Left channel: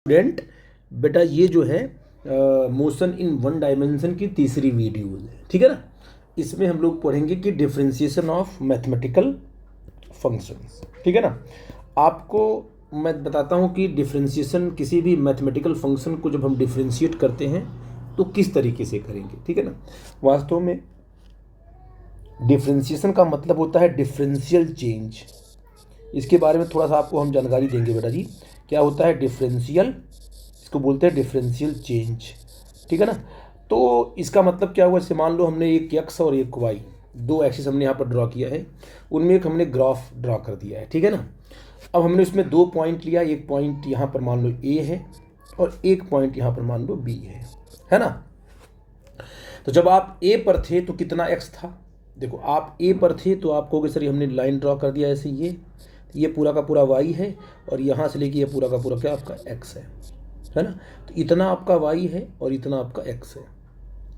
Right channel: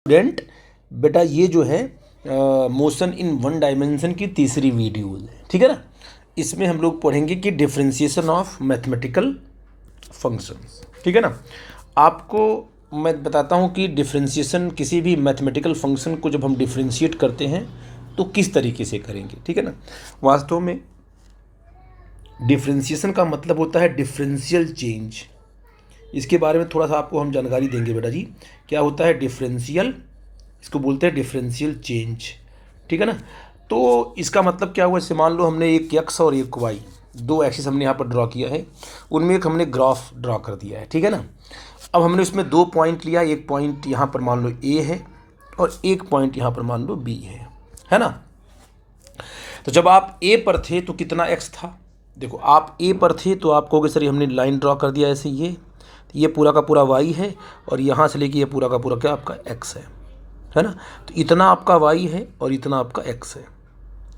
Student, बेटा ये जो है मोशन इन वन डायमेंशन की तीसरी वीडियो है, ठीक है ना। इसमें हम लोग पढ़ेंगे कि डिफरेंशिएशन ऑफ मैथमेटिकल फंक्शंस, ठीक है ना। आपको मैं बताता हूँ कि डिफरेंशिएशन किसी भी मैथमेटिकल फंक्शन को जब हम डिफरेंशिएट करते हैं तो किस तरीके से करेंगे, ठीक है ना। वास्तव में डिफरेंशिएशन का मतलब होता है डिफरेंशियल चेंज। इसके बारे में थोड़ा सा आपको हम जानकारी देंगे बेटा जी। क्या होता है डिफरेंशियल, इसको बोलते हैं डिफरेंशियल चेंज, ठीक है ना। तो इसका मतलब क्या हुआ, जैसे मान लो हमने एक एक्स और एक वाई, दो एक्सिस हमने यहाँ पर ड्रॉ किया है, उनमें एक हमने ग्राफ ड्रॉ कर दिया है, ठीक है ना। अब हमने उसमें दो पॉइंट लिया, एक पॉइंट यहाँ पर मान लो ए है और एक पॉइंट यहाँ पर मान लो बी है ना। तो जब आप ए पर थे तो कितना एक्स था, देखो आप ए पर थे तो आप कहोगे सर हमने लाइन ड्रॉ कर दिया ऐसे, ये पूरा का पूरा वाई है और यहाँ से लेके ये पूरा का पूरा क्या आपका एक्स है ना। तो इतना आपका वाई है और इतना आपका एक्स है,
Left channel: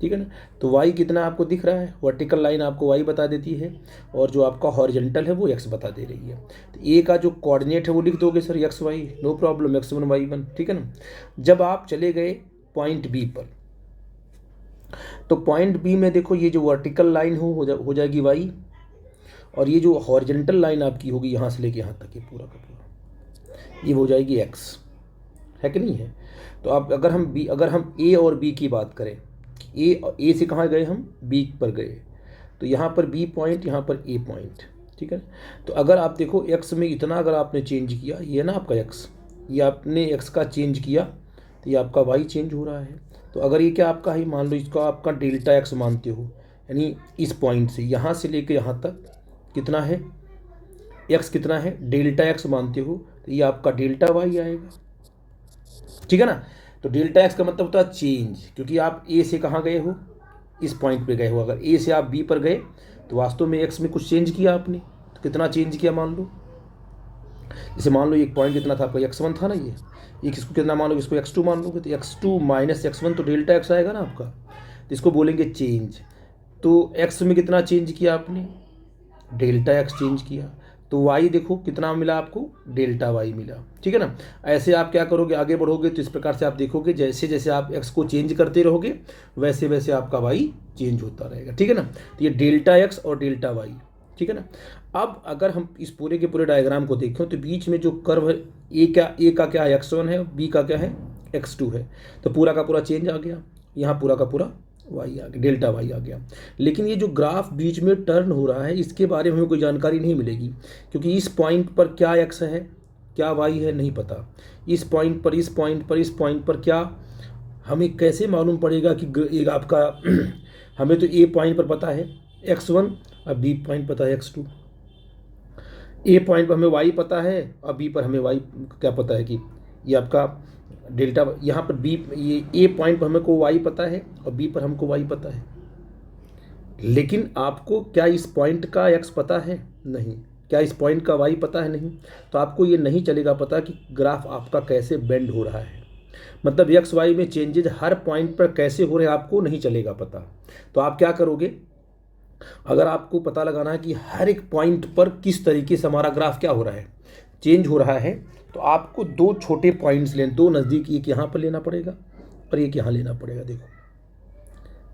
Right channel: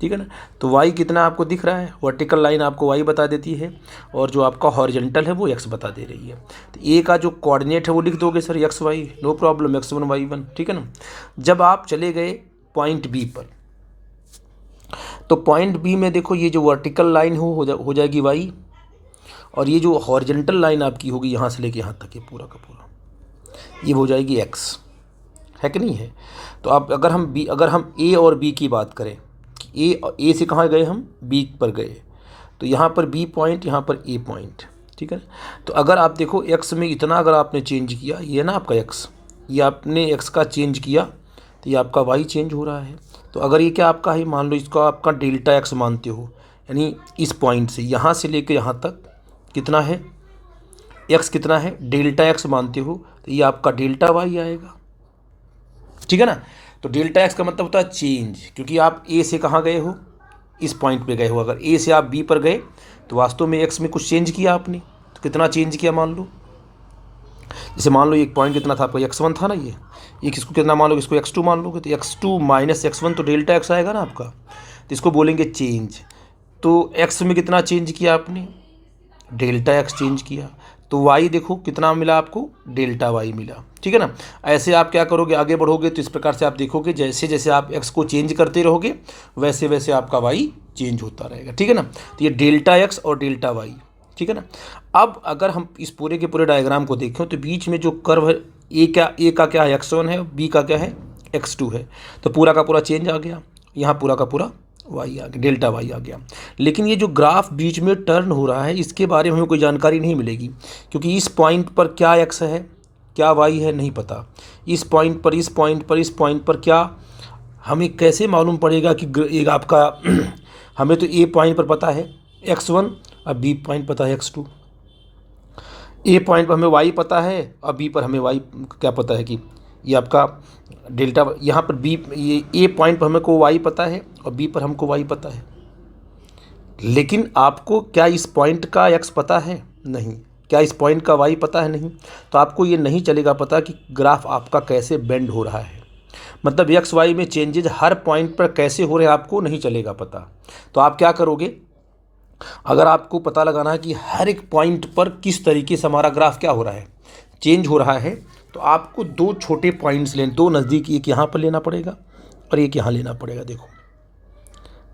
ठीक है ना। तो वाई कितना आपको दिख रहा है, वर्टिकल लाइन आपको वाई बता देती है और जो आपका हॉरिजॉन्टल है वो एक्स बता दे रही है। तो ए का जो कोऑर्डिनेट है वो लिख दोगे sir X Y, no problem, x1 y1, ठीक है ना। जब आप चले गए पॉइंट बी पर, तो पॉइंट बी में देखो ये जो वर्टिकल लाइन हो जाएगी वाई और ये जो हॉरिजॉन्टल लाइन आपकी होगी यहाँ से लेके यहाँ तक, ये पूरा का पूरा ये हो जाएगी एक्स, है कि नहीं है। तो आप अगर हम ए और बी की बात करें, ए से कहाँ गए हम, बी पर गए, तो यहाँ पर बी पॉइंट, यहाँ पर ए पॉइंट, ठीक है। तो अगर आप देखो एक्स में इतना अगर आपने चेंज किया, ये ना आपका एक्स, ये आपने एक्स का चेंज किया तो ये आपका वाई चेंज हो रहा है। तो अगर ये क्या आपका है, मान लो इसको आपका डेल्टा एक्स मानते हो, यानी इस पॉइंट से यहाँ से लेकर यहाँ तक कितना है एक्स, कितना है डेल्टा एक्स मानते हो, तो ये आपका डेल्टा वाई आएगा, ठीक है ना। तो डेल्टा एक्स का मतलब होता है चेंज, क्योंकि आप ए से कहाँ गए हो, इस पॉइंट पे गए हो। अगर ए से आप बी पर गए तो वास्तव में एक्स में कुछ चेंज किया आपने, तो कितना चेंज किया मान लो, जैसे मान लो एक पॉइंट कितना था आपका, x1 था ना, ये किसको कितना मान लो, इसको x2 मान लोगे, तो x2 माइनस x1 तो डेल्टा एक्स आएगा ना आपका, तो इसको बोलेंगे चेंज। तो x में कितना चेंज किया आपने, डेल्टा एक्स चेंज किया, तो वाई देखो कितना मिला आपको, डेल्टा वाई मिला, ठीक है ना। ऐसे आप क्या करोगे, आगे बढ़ोगे तो इस प्रकार से आप देखोगे जैसे जैसे आप एक्स को चेंज करते रहोगे वैसे वैसे आपका वाई चेंज होता रहेगा, ठीक है ना। तो ये डेल्टा एक्स और डेल्टा वाई, ठीक है ना। अब अगर हम इस पूरे के पूरे डायग्राम को देखें तो बीच में जो कर्व है, ए का क्या है x1 है, बी का क्या है x2 है, तो पूरा का पूरा चेंज आ गया, यहाँ पूरा का पूरा वाई आ गया, डेल्टा वाई आ गया। लेकिन ये जो ग्राफ बीच में टर्न हो रहा है इसके बारे में हमें कोई जानकारी नहीं मिलेगी, क्योंकि इस पॉइंट पर क्या एक्स है क्या वाई है नहीं पता, इस पॉइंट पर इस पॉइंट पर इस पॉइंट पर क्या, हमें कैसे मालूम पड़ेगा कि एक आपका हमें तो ए पॉइंट पर पता है x1 और बी पॉइंट पता है x2, ए पॉइंट पर हमें वाई पता है और बी पर हमें वाई क्या पता है कि ये आपका डेल्टा, यहाँ पर बी, ये ए पॉइंट पर हमको वाई पता है और बी पर हमको वाई पता है। लेकिन आपको क्या इस पॉइंट का एक्स पता है, नहीं, क्या इस पॉइंट का वाई पता है, नहीं। तो आपको ये नहीं चलेगा पता कि ग्राफ आपका कैसे बेंड हो रहा है, मतलब एक्स वाई में चेंजेज हर पॉइंट पर कैसे हो रहे हैं आपको नहीं चलेगा पता। तो आप क्या करोगे, अगर आपको पता लगाना है कि हर एक पॉइंट पर किस तरीके से हमारा ग्राफ क्या हो रहा है, चेंज हो रहा है, तो आपको दो छोटे पॉइंट्स लेने, दो नज़दीक, एक यहाँ पर लेना पड़ेगा और एक यहाँ लेना पड़ेगा, देखो,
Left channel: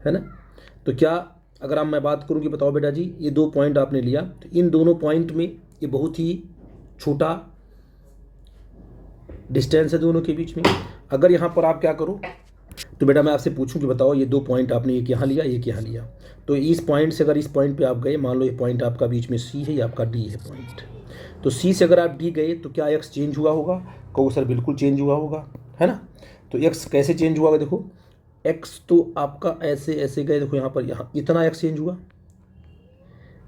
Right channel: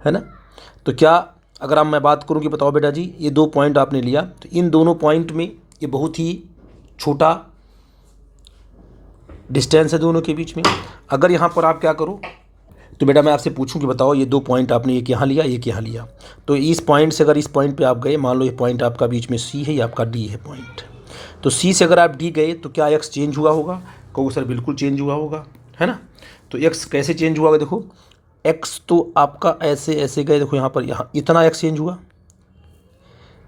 है ना। तो क्या अगर आप मैं बात करूँ कि बताओ बेटा जी ये दो पॉइंट आपने लिया, तो इन दोनों पॉइंट में ये बहुत ही छोटा डिस्टेंस है दोनों के बीच में। अगर यहाँ पर आप क्या करो, तो बेटा मैं आपसे पूछूं कि बताओ ये दो पॉइंट आपने एक यहाँ लिया एक यहाँ लिया, तो इस पॉइंट से अगर इस पॉइंट पे आप गए, मान लो ये पॉइंट आपका बीच में सी है, ये आपका डी है पॉइंट, तो सी से अगर आप डी गए तो क्या एक्स चेंज हुआ होगा, कहो सर बिल्कुल चेंज हुआ होगा, है ना। तो एक्स कैसे चेंज हुआ होगा, देखो एक्स तो आपका ऐसे ऐसे गए, देखो यहाँ पर यहाँ इतना एक्स चेंज हुआ,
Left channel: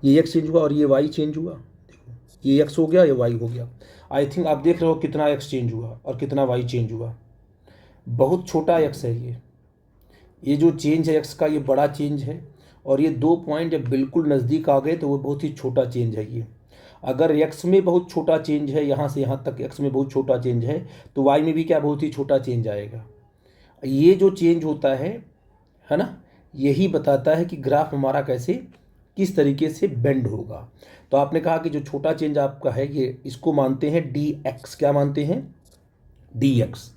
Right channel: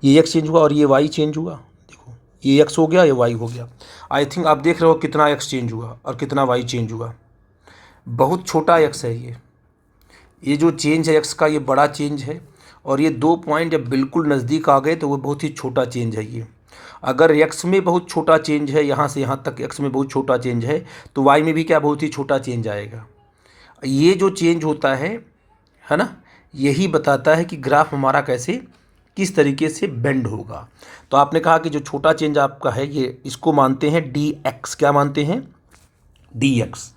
ये एक्स चेंज हुआ और ये वाई चेंज हुआ, देखो ये एक्स हो गया ये वाई हो गया। आई थिंक आप देख रहे हो कितना एक्स चेंज हुआ और कितना वाई चेंज हुआ, बहुत छोटा एक्स है ये जो चेंज है एक्स का ये बड़ा चेंज है, और ये दो पॉइंट जब बिल्कुल नज़दीक आ गए तो वो बहुत ही छोटा चेंज है ये। अगर एक्स में बहुत छोटा चेंज है, यहाँ से यहाँ तक एक्स में बहुत छोटा चेंज है, तो वाई में भी क्या बहुत ही छोटा चेंज आएगा। ये जो चेंज होता है ना, यही बताता है कि ग्राफ हमारा कैसे किस तरीके से बेंड होगा। तो आपने कहा कि जो छोटा चेंज आपका है ये, इसको मानते हैं डी एक्स, क्या मानते हैं, डी एक्स।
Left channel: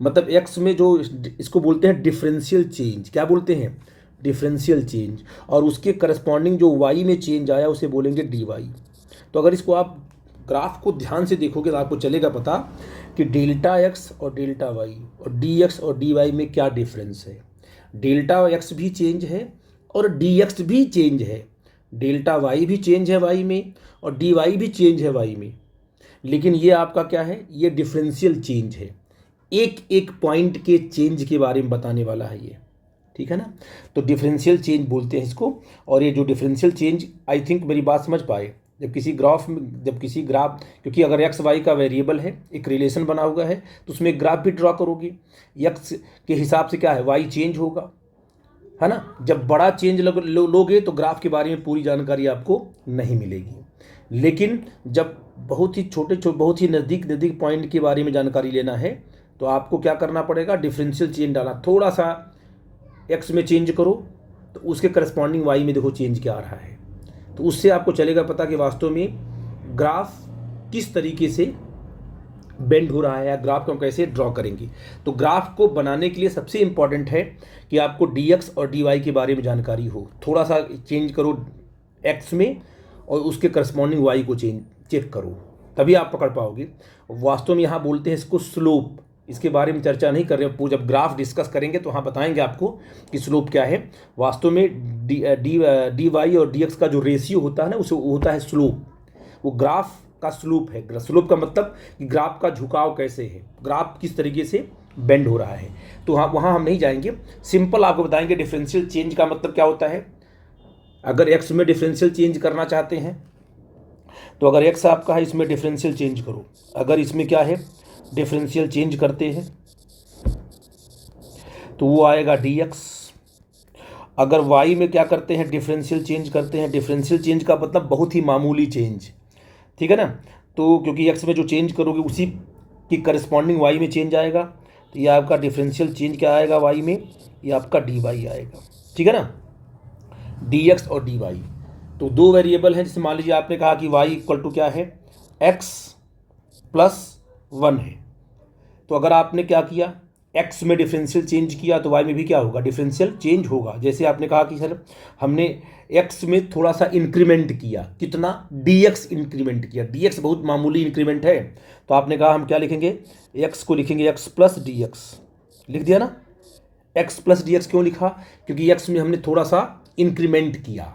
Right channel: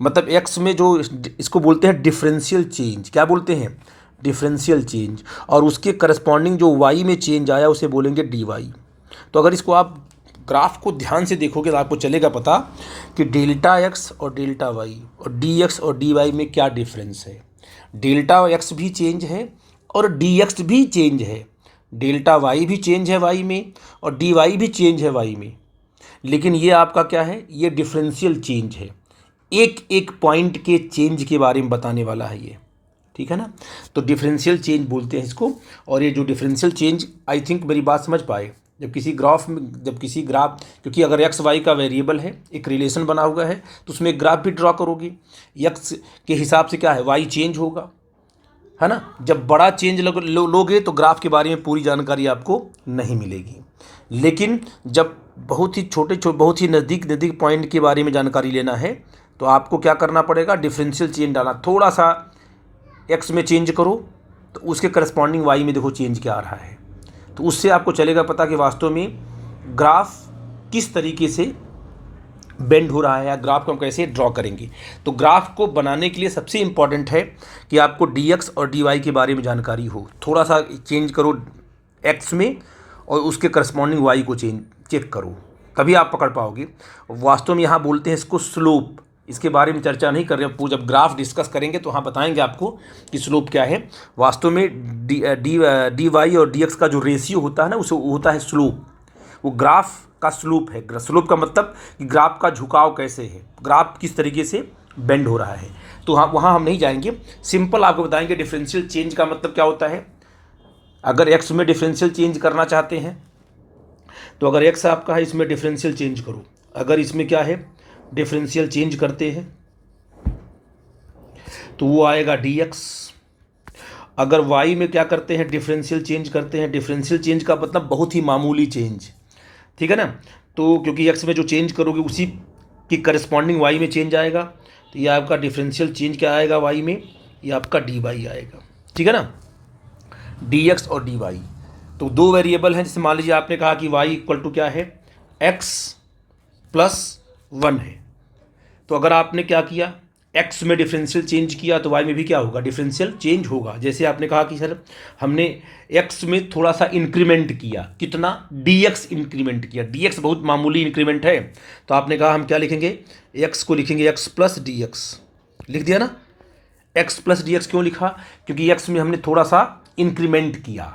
मतलब एक्स में जो इसको बोलते हैं डिफरेंशियल चेंज, क्या बोलते हैं, डिफरेंशियल चेंज, और उसके करस्पॉन्डिंग जो वाई में चेंज आया उसे बोलेंगे डी वाई। तो अगर इसको आप ग्राफ को ध्यान से देखोगे तो आपको चलेगा पता कि डेल्टा एक्स और डेल्टा वाई और डी एक्स और डी वाई में क्या डिफरेंस है। डेल्टा एक्स भी चेंज है और डी एक्स भी चेंज है, डेल्टा वाई भी चेंज है वाई में और डी वाई भी चेंज है वाई में, लेकिन ये आपका क्या है, ये डिफरेंशियल चेंज है, एक एक पॉइंट के चेंज के बारे में बताने वाला है ये, ठीक है ना। तो डिफरेंशियल चेंज बोलते हैं इसको। और ये जो डिफरेंशियल चेंज, आई थिंक मेरी बात समझ पाए, जब किसी ग्राफ में, जब किसी ग्राफ, क्योंकि अगर एक्स वाई का वेरिएबल है, एक रिलेशन बना हुआ है, तो उसमें एक ग्राफ भी ड्रॉ करोगे, एक्स के हिसाब से क्या है, वाई चेंज होगा, है ना। जब बड़ा चेंज लोगे तो ग्राफ के बारे में पूरी जानकारी आपको नहीं मिलेगी, लेकिन जब बहुत ही छोटे बहुत ही नज़दीक पॉइंट के बारे में जानकारी लेना है तो आपको क्या करना पड़ेगा, डिफरेंशियल चेंज डालना, थोड़ा सा एक्स में चेंज करो तो उसके करस्पॉन्डिंग वाई में देखो चेंज क्या आ रहा है, तो उससे आपको चलेगा पता कि वास्तव में ग्राफ किस तरीके से बेंड हो रहा है या ग्राफ को हम कैसे ड्रॉ करेंगे। तो ग्राफ को बनाने के लिए सबसे इम्पॉर्टेंट है कि आपको डी एक्स और डी वाई के बारे में जानकारी हो, थोड़ा सा चेंज करो एक्स में और उसके करस्पॉन्डिंग वाई को चेक करो, तभी आप पकड़ पाओगे। वास्तव में यहाँ बोलते हैं इसको स्लोप, इसके बारे में चर्चा नहीं कर रहे हैं, जब ग्राफ डिस्कस करेंगे तो हाँ बताएंगे आपको कि स्लोप क्या है। वास्तव में डी वाई और डी एक्स का जो रेशियो होता है ना, उसे होता है स्लोप, वो ग्राफ का स्लोप है। स्लोप का मतलब कि ग्राफ का झुकाव कैसे है, ग्राफ किस तरीके से बेंड हो रहा है। तो हाँ, वहाँ हम नहीं जाएंगे, सिंपल आपको बताएंगे डिफरेंशियल चेंज का मतलब क्या होता है। अगर एक्स में डिफरेंशियल चेंज करना चाहते हैं तो अगर एक्स आपका है, इसमें डिफरेंशियल चेंज करो, अगर इसमें क्या है डिफरेंशियल चेंज करते हैं तो वो आएगा डी एक्स। अगर वाई में क्या करते हैं, डिफरेंशियल चेंज करते हैं, डिफरेंशियल चेंज का मतलब बहुत ही मामूली चेंज, ठीक है ना। तो क्योंकि एक्स में जो चेंज करोगे उसी की करस्पॉन्डिंग वाई में चेंज आएगा, तो ये आपका डिफरेंशियल चेंज क्या आएगा वाई में, ये आपका डी वाई आएगा, ठीक है ना, डी एक्स और डी वाई। तो दो वेरिएबल हैं, जैसे मान लीजिए आपने कहा कि वाई इक्वल टू क्या है, एक्स प्लस 1 है, तो अगर आपने क्या किया, एक्स में डिफरेंशियल चेंज किया तो वाई में भी क्या होगा, डिफरेंशियल चेंज होगा। जैसे आपने कहा कि सर हमने एक्स में थोड़ा सा इंक्रीमेंट किया, कितना, डी एक्स इंक्रीमेंट किया, डी एक्स बहुत मामूली इंक्रीमेंट है, तो आपने कहा हम क्या लिखेंगे, एक्स को लिखेंगे एक्स प्लस डी एक्स, लिख दिया ना। एक्स प्लस डी एक्स क्यों लिखा, क्योंकि एक्स में हमने थोड़ा सा इंक्रीमेंट किया,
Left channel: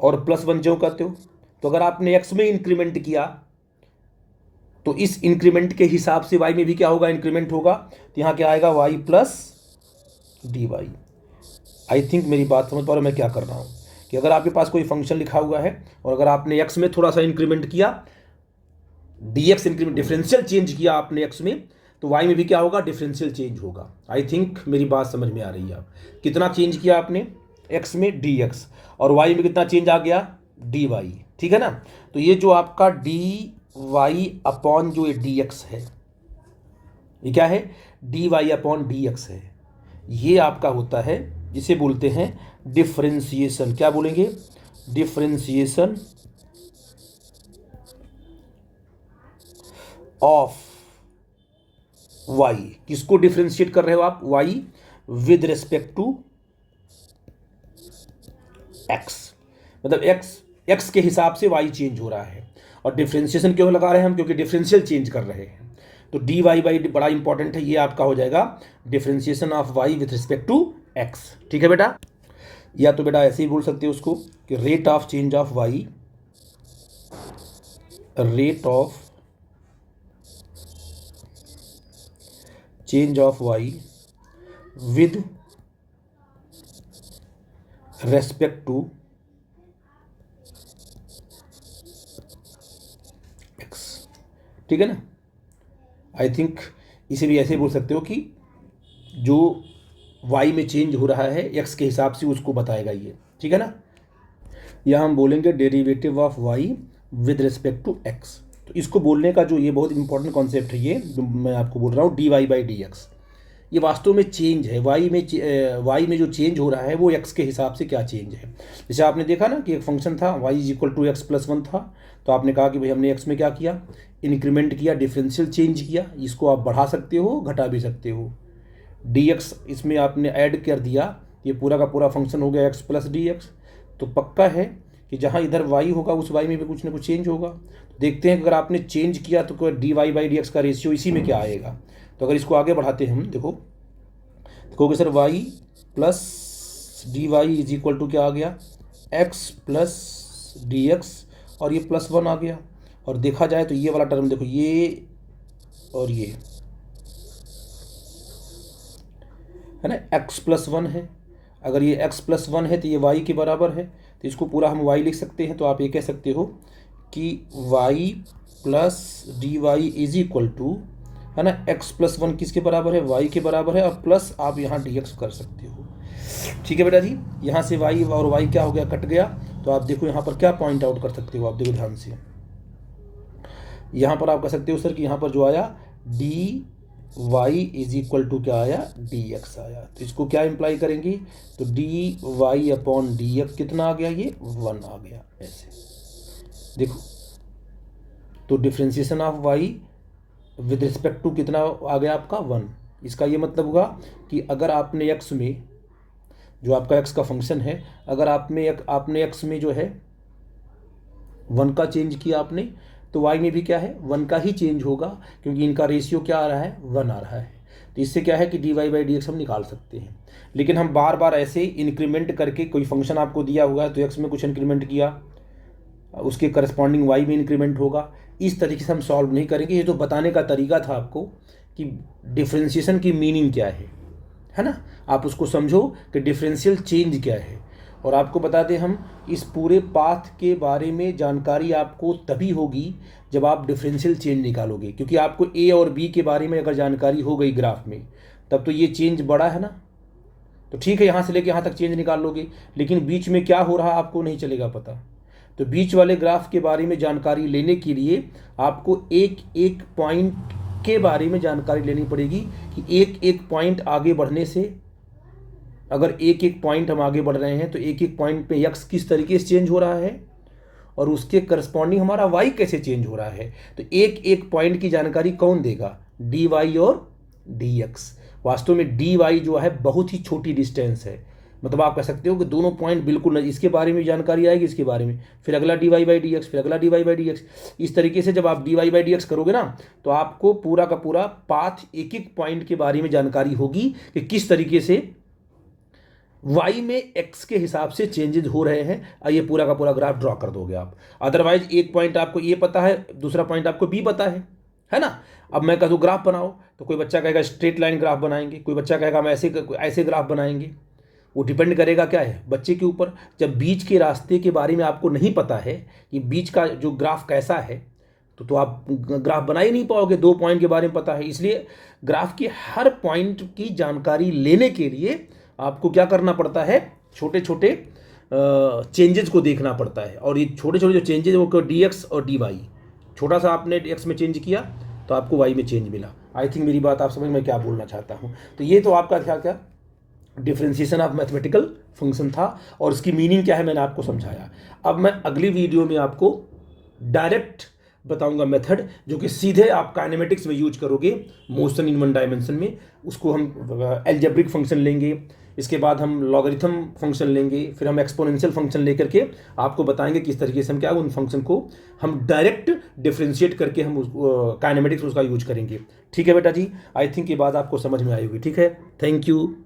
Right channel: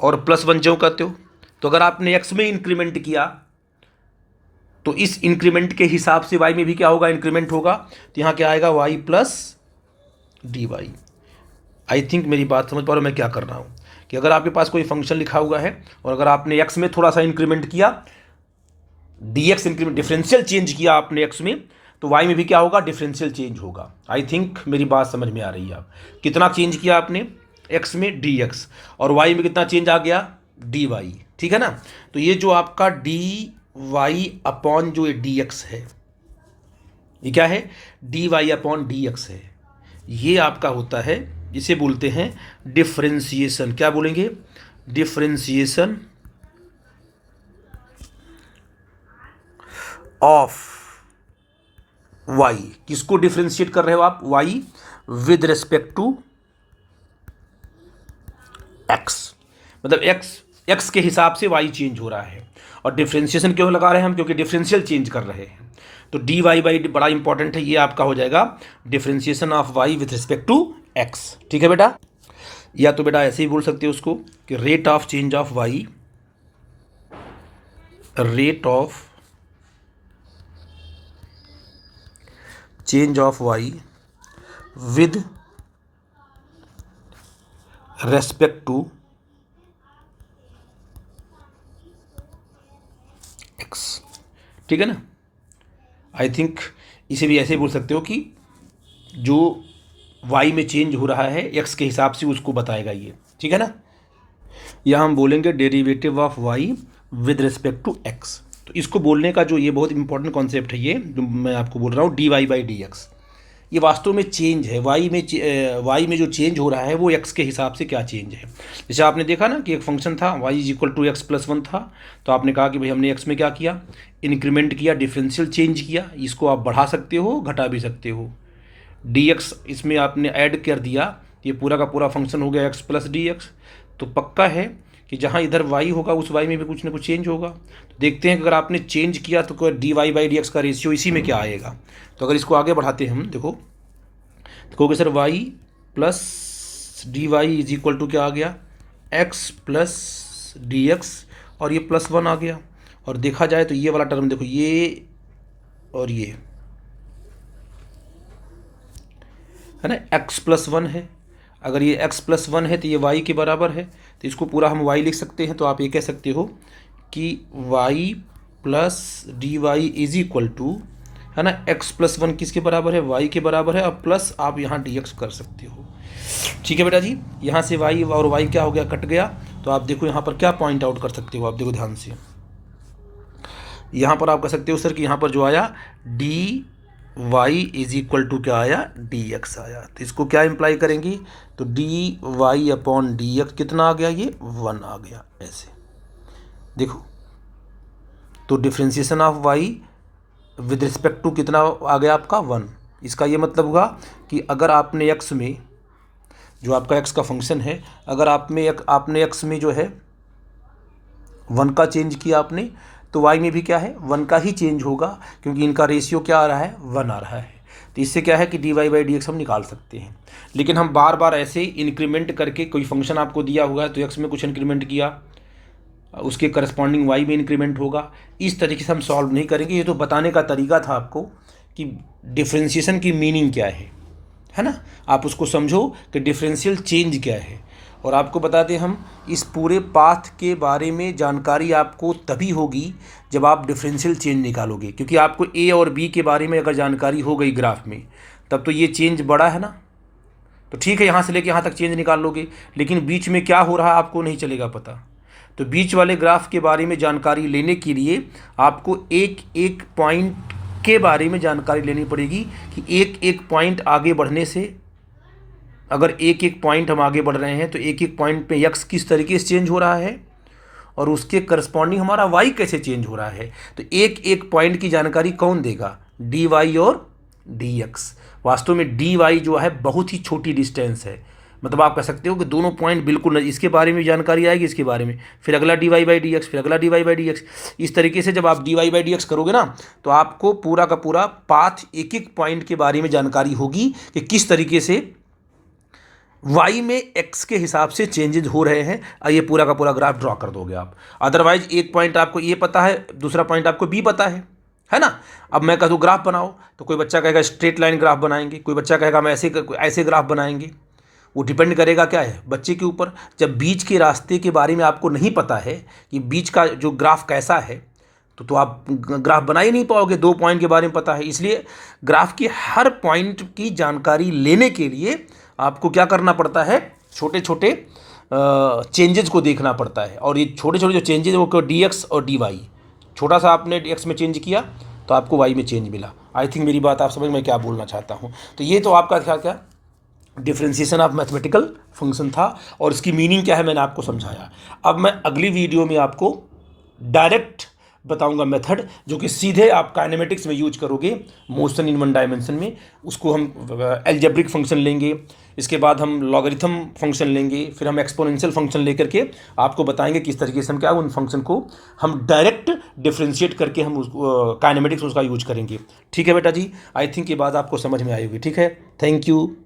और प्लस 1 जो कहते हो, तो अगर आपने एक्स में इंक्रीमेंट किया तो इस इंक्रीमेंट के हिसाब से वाई में भी क्या होगा, इंक्रीमेंट होगा, तो यहाँ क्या आएगा, Y plus D Y. I think मेरी बात समझ पा रहे हो मैं क्या कर रहा हूँ, कि अगर आपके पास कोई फंक्शन लिखा हुआ है और अगर आपने एक्स में थोड़ा सा इंक्रीमेंट किया, D x increment differential change किया आपने एक्स में, तो वाई में भी क्या होगा, डिफरेंशियल चेंज होगा। आई थिंक मेरी बात समझ में आ रही है। कितना चेंज किया आपने एक्स में, डी एक्स, और वाई में कितना चेंज आ गया, डी वाई, ठीक है ना। तो ये जो आपका डी वाई अपॉन जो डी एक्स है, ये क्या है, D Y upon D X है, ये आपका होता है, जिसे बोलते हैं डिफरेंशिएशन। क्या बोलेंगे, डिफरेंशिएशन ऑफ वाई। किसको डिफरेंशिएट कर रहे हो आप, Y with respect to X, मतलब एक्स के हिसाब से वाई चेंज हो रहा है। और डिफरेंशिएशन क्यों लगा रहे हैं हम, क्योंकि डिफरेंशियल चेंज कर रहे हैं। तो डी वाई बाई बड़ा इंपॉर्टेंट है, ये आपका हो जाएगा differentiation of Y with respect to X, ठीक है बेटा। या तो बेटा ऐसे ही बोल सकते हो उसको कि rate of change of Y, rate of change of Y with respect to X, ठीक है ना। आई थिंक इसे भी ऐसे ही बोल सकते हो कि जो वाई में चेंज हो रहा है एक्स के हिसाब से उसको बताएगा ये, ठीक है ना। या हम बोलेंगे derivative of Y with respect to X. तो इसको बोलने का जो ये बहुत इंपॉर्टेंट कॉन्सेप्ट है, ये जो मैं आपको बोल रहा हूँ, D Y by D X, ये वास्तव में चेंज है। वाई में जो चेंज हो रहा है वो एक्स के हिसाब से क्या चेंज है। जैसे आपने देखा ना कि एक फंक्शन था Y is equal to X plus one था, तो आपने कहा कि भाई हमने एक्स में क्या किया, इंक्रीमेंट किया, डिफरेंशियल चेंज किया। इसको आप बढ़ा सकते हो, घटा भी सकते हो। डी एक्स इसमें आपने ऐड कर दिया, ये पूरा का पूरा फंक्शन हो गया एक्स प्लस डी एक्स। तो पक्का है कि जहाँ इधर वाई होगा उस वाई में भी कुछ ना कुछ चेंज होगा। तो देखते हैं कि अगर आपने चेंज किया तो D Y by D X का रेशियो इसी में क्या आएगा। तो अगर इसको आगे बढ़ाते हैं हम, देखो कहोगे sir Y plus D Y is equal to क्या आ गया, एक्स प्लस डी एक्स, और ये प्लस वन आ गया। और देखा जाए तो ये वाला टर्म देखो, ये और ये है ना, एक्स प्लस वन है। अगर ये एक्स प्लस वन है तो ये वाई के बराबर है, तो इसको पूरा हम वाई लिख सकते हैं। तो आप ये कह सकते हो कि Y plus D Y is equal to, है ना, एक्स प्लस वन किसके बराबर है, वाई के बराबर है, और प्लस आप यहाँ डी एक्स कर सकते हो। ठीक है बेटा जी, यहाँ से वाई और वाई क्या हो गया, कट गया। तो आप देखो यहाँ पर क्या पॉइंट आउट कर सकते हो, आप देखो ध्यान से। यहाँ पर आप कह सकते हो सर कि यहाँ पर जो आया D Y is equal to क्या आया, डी एक्स आया। तो इसको क्या इम्प्लाई करेंगे, तो D Y upon D X कितना आ गया, ये वन आ गया। ऐसे देखो, तो differentiation of Y with respect to कितना आ गया आपका, वन। इसका ये मतलब हुआ कि अगर आपने एक्स में, जो आपका एक्स का फंक्शन है, अगर आपने एक्स में जो है वन का चेंज किया आपने, तो वाई में भी क्या है, वन का ही चेंज होगा, क्योंकि इनका रेशियो क्या आ रहा है, वन आ रहा है। तो इससे क्या है कि D Y by D X हम निकाल सकते हैं। लेकिन हम बार बार ऐसे इंक्रीमेंट करके, कोई फंक्शन आपको दिया हुआ है तो एक्स में कुछ इंक्रीमेंट किया, उसके करस्पॉन्डिंग वाई में इंक्रीमेंट होगा, इस तरीके से हम सॉल्व नहीं करेंगे। ये तो बताने का तरीका था आपको कि डिफ्रेंशिएशन की मीनिंग क्या है ना। आप उसको समझो कि डिफरेंशियल चेंज क्या है। और आपको बता दें हम, इस पूरे पाथ के बारे में जानकारी आपको तभी होगी जब आप डिफरेंशियल चेंज निकालोगे, क्योंकि आपको ए और बी के बारे में अगर जानकारी हो गई ग्राफ में, तब तो ये चेंज बड़ा है ना। तो ठीक है, यहाँ से लेके यहाँ तक चेंज निकाल लोगे, लेकिन बीच में क्या हो रहा है आपको नहीं चलेगा पता। तो बीच वाले ग्राफ के बारे में जानकारी लेने के लिए आपको एक एक पॉइंट के बारे में जानकारी लेनी पड़ेगी कि एक एक पॉइंट आगे बढ़ने से, अगर एक एक पॉइंट हम आगे बढ़ रहे हैं तो एक एक पॉइंट पे एक्स किस तरीके से चेंज हो रहा है और उसके करस्पॉन्डिंग हमारा वाई कैसे चेंज हो रहा है। तो एक एक पॉइंट की जानकारी कौन देगा, डी वाई और डी एक्स। वास्तव में डी वाई जो है बहुत ही छोटी डिस्टेंस है, मतलब आप कह सकते हो कि दोनों पॉइंट बिल्कुल, इसके बारे में जानकारी आएगी, इसके बारे में, फिर अगला D Y by D X, फिर अगला D Y by D X. इस तरीके से जब आप D Y by D X करोगे ना, तो आपको पूरा का पूरा पाथ, एक एक पॉइंट के बारे में जानकारी होगी कि किस तरीके से वाई में एक्स के हिसाब से चेंजेज हो रहे हैं। ये पूरा का पूरा ग्राफ ड्रॉ कर दोगे आप। अदरवाइज एक पॉइंट आपको ये पता है, दूसरा पॉइंट आपको बी पता है ना। अब मैं कहूँ ग्राफ बनाओ, तो कोई बच्चा कहेगा स्ट्रेट लाइन ग्राफ बनाएंगे, कोई बच्चा कहेगा हम ऐसे ग्राफ बनाएंगे। वो डिपेंड करेगा क्या है, बच्चे के ऊपर। जब बीच के रास्ते के बारे में आपको नहीं पता है कि बीच का जो ग्राफ कैसा है, तो आप ग्राफ बना ही नहीं पाओगे। दो पॉइंट के बारे में पता है, इसलिए ग्राफ की हर पॉइंट की जानकारी लेने के लिए आपको क्या करना पड़ता है, छोटे छोटे चेंजेस को देखना पड़ता है। और ये छोटे छोटे जो चेंजेस वो डी एक्स और डी वाई, छोटा सा आपने एक्स में चेंज किया तो आपको वाई में चेंज मिला। आई थिंक मेरी बात आप समझ में क्या बोलना चाहता हूँ। तो ये तो आपका क्या डिफ्रेंसिएशन ऑफ मैथमेटिकल फंक्शन था, और इसकी मीनिंग क्या है मैंने आपको समझाया। अब मैं अगली वीडियो में आपको डायरेक्ट बताऊंगा मेथड, जो कि सीधे आप काइनेमेटिक्स में यूज करोगे, मोशन इन वन डायमेंशन में। उसको हम एल्जेब्रिक फंक्शन लेंगे, इसके बाद हम लॉगरिथम फंक्शन लेंगे, फिर हम एक्सपोनेंशियल फंक्शन लेकर के आपको बताएंगे किस तरीके से हम क्या उन फंक्शन को हम डायरेक्ट डिफ्रेंशिएट करके हम काइनेमेटिक्स उसका यूज करेंगे। ठीक है बेटा जी, आई थिंक ये बात आपको समझ में आई होगी। ठीक है, थैंक यू।